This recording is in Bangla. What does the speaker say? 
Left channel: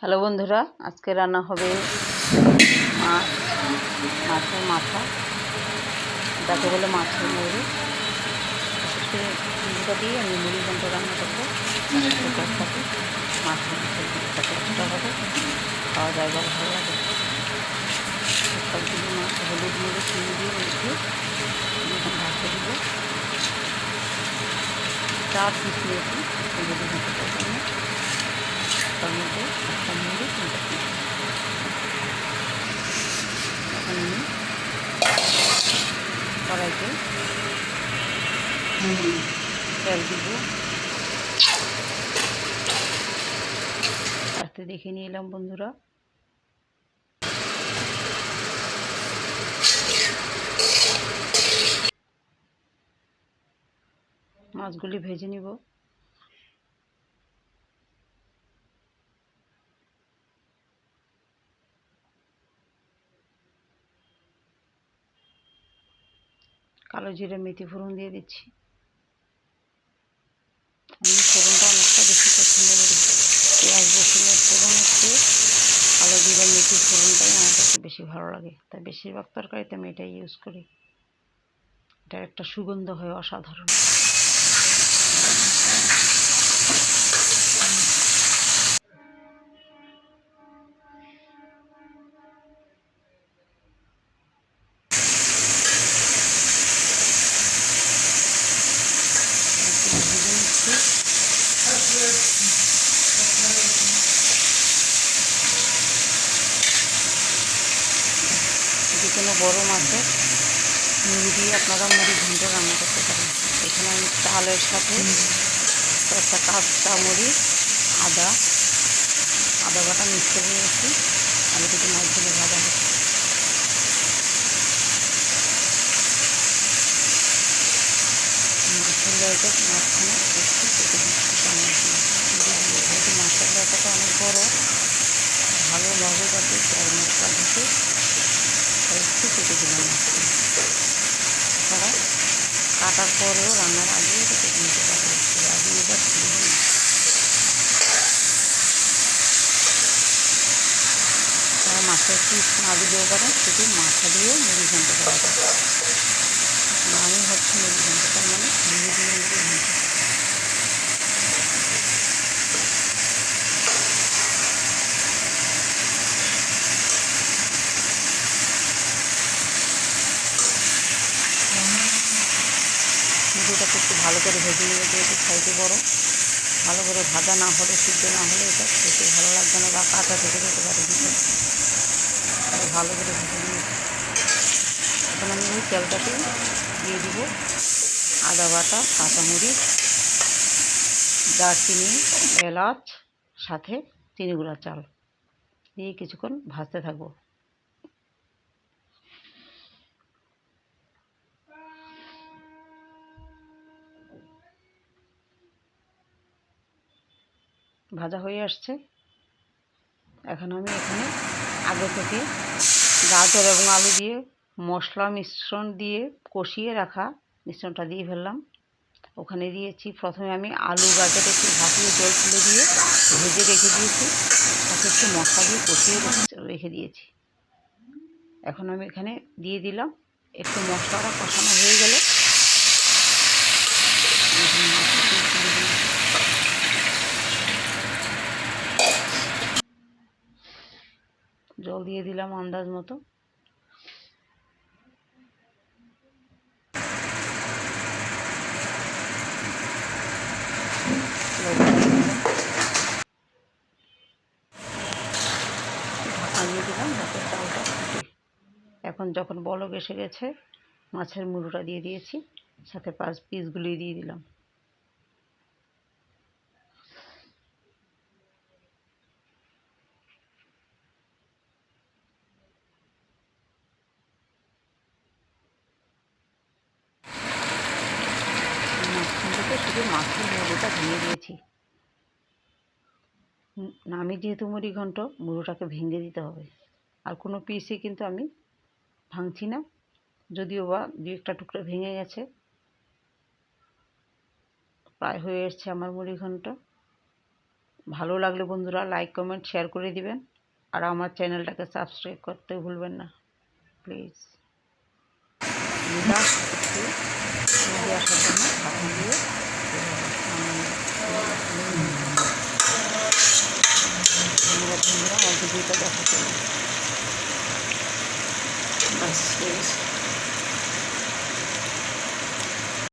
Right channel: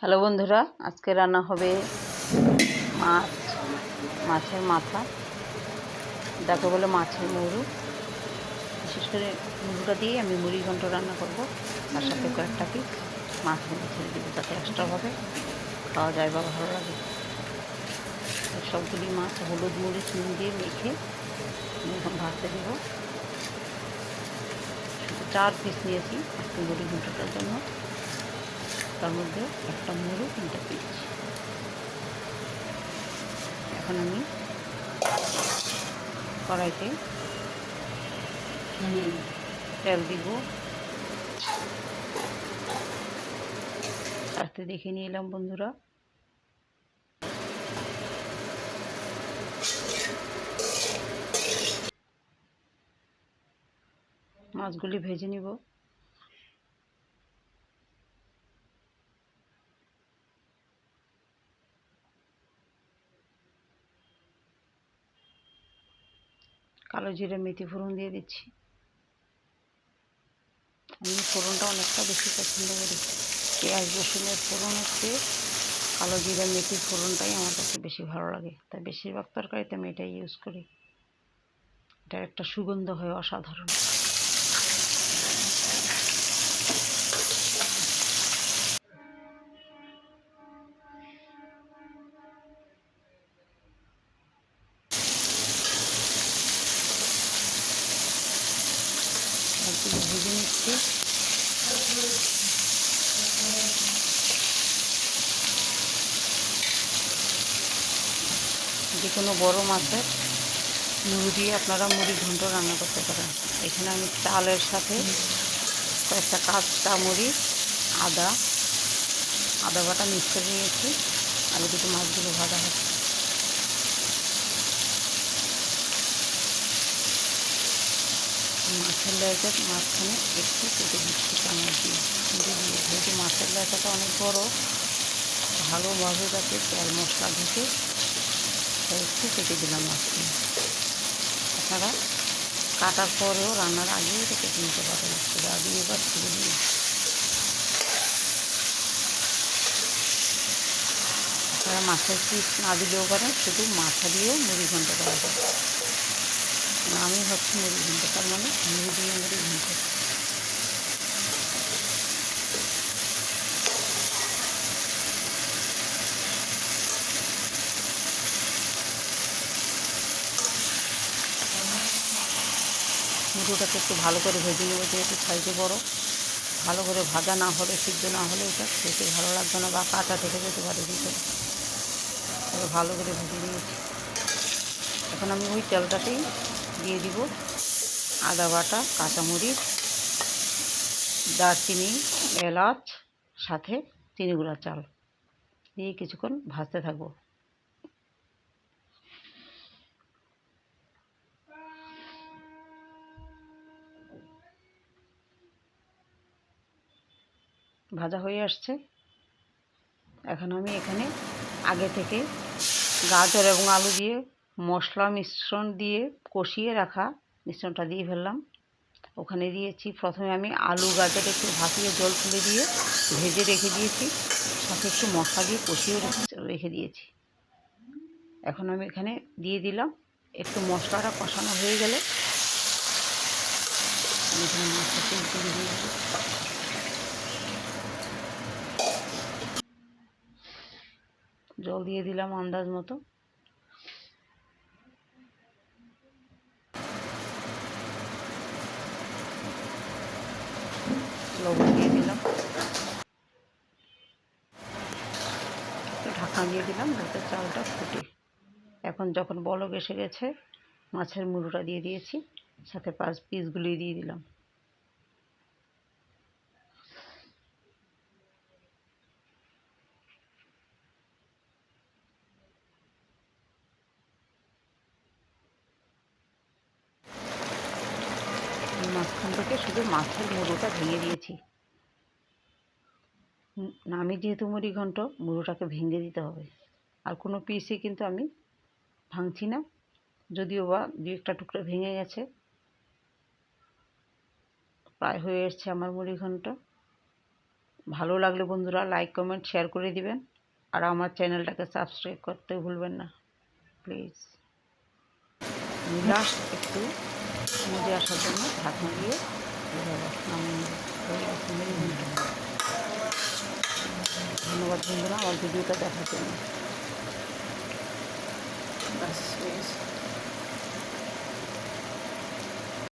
হ্যালো বন্ধুরা, আজকে রান্না হবে মাছ, মাছের মাথা। যাকে বলে মাছের মুড়ি। বিশেষ করে মুড়িটা দিয়ে আমি মুড়ি ঘন্ট রান্না করব। তার সাথে কয়েকটা পিস মাছের দিয়ে তাতে এক্সট্রা হবে। খাওয়া যায় বা ভালো লাগে। সবগুলি মাছ, হলুদ মুড়ি চিনি দিয়ে মেখে এখন ভাজতে দিব। চার পিস নিয়েছি মুড়ি ঘন্টটার জন্য। তার মধ্যে একটা মুড়ি তিনটা পিস এখন আমি কড়াইতে তেল দিব। আস্তে দেখে নিয়ে এলাম বন্ধুরা। মাছগুলি ভেজে নিব। কালো জিরে মেথি ফোড়ন দিয়ে দিচ্ছি। আমি ফোড়নটা অনেকটা বেশি পছন্দ করি। পেঁয়াজ, রসুনের ফোড়ন হচ্ছে কালো জিরে মেথি ফোড়নটাই আমার কাছে বেশি ভালো লাগে। তাই বেশিরভাগ তরকারিতে আমি এটাই ইউজ করি। এটার একটা সুগন্ধ হয় অসাধারণ। নিচ্ছি। যে কোনো বড়ো মাছের মুড়ি দিয়ে আপনারা মুড়ি ঘন্ট রান্না করতে পারেন। এখানে আমি চালের সাথে কয়েকটা কাঁচা মুড়ি আদা আদা বাটা মিক্স করে নিয়েছি। আর দুটো মাছগুলো ভাজা হচ্ছে। মাছের লয়টার মাঝখানে একটু কেটে দিচ্ছি চামচ দিয়ে। দিয়ে যেহেতু মাছের লয়টাটা অনেক বড়, ভালোভাবে যাতে তেল মশলা ঢুকে, তাই একটু কেটে দিলাম মাঝখানে। আপনারা কাটার পরেও রান্নার আগে এটা কেটে নিতে পারেন। সেটা দিয়ে এবার ছেড়ে দিন। আপনারা মাছের পিস না দিলেও পারেন, শুধু মাথা দিয়েও মুড়ি ঘন্ট করা যায় নামই হচ্ছে মুড়ি ঘন্ট তার মানে মুড়ি দিয়ে মুড়ি ঘন্ট মুড়োটাকে একটু ভালো করে ভেজে নেবে, যেহেতু সাইজে বড়। ভালো করে ভাজা না হলে, সিদ্ধ না হলে এটা খেতে ভালো লাগবে না, বা কাঁচা থেকে যেতে পারে ভিতরে ভালো করে ভেজে নিয়েছি। এখন আমি ওই তেলটাতেই দিয়ে দিব আদা বাটা, কাঁচামরিচ, দারচিনি, এলাচ, সাথে চিনি গুঁড়া চাল। দিয়ে কিছুক্ষণ ভাজতে থাকব। ভাজা হয়ে আসছে। এখন আমি এখানে আগে থেকে গাজর এবং আলু দিয়ে মশলা মিশ্রণ দিয়ে কষিয়ে রাখা মিশ্রণটা দিয়ে ফেললাম। ওখানে দিয়েছি প্রথমে আমি আলু গাজর একটু ভাপিয়ে জল তুলে দিয়ে ভেজে রেখে দিয়েছি। সাথে একটু মশলা দিয়ে কষিয়ে রেখে দিয়েছি। এখন আমি এখানে দিয়ে দিলাম। একটু মশলাটা কষানো হয়ে গেলে এখানে মাছটা তুলে দিয়ে দিই জল দিয়ে দিলাম আন্দাজ মতো। লবণ দিয়ে দিলাম ঢাকা দিয়ে দিলাম, যাতে চালটা ফুটে। এখন যখন বলক এসে গেছে, মাছের মুড়োটা দিয়ে দিয়েছি, সাথে পাঁচ পিসগুলি দিয়ে দিলাম। মাঝখান থেকে শুধু মাছের মুড়োটা ভেঙে দিয়েছি। আমি যেহেতু মুড়ি ঘন্ট মুড়োটাকে ভেঙে দিতে হবে। আর কোনো পিসে কিন্তু আমি ভাঙছি না। যদিও বা দু একটা টুকরো ভেঙে গেছে। প্রায় হয়ে এসছে আমার মুড়ি ঘন্ট ভালো লাগলে বন্ধুরা লাইক, কমেন্ট, শেয়ার করে দিবেন। আর আমার চ্যানেলটাকে সাবস্ক্রাইব করতে ভুলবেন না। প্লিজ। লাস্ট একটু নদী আসার জন্য ঢাকনা দিয়ে এভাবে নামিয়ে ধন্যবাদ বন্ধুরা আমার ভিডিওটা দেখার জন্য। আচ্ছা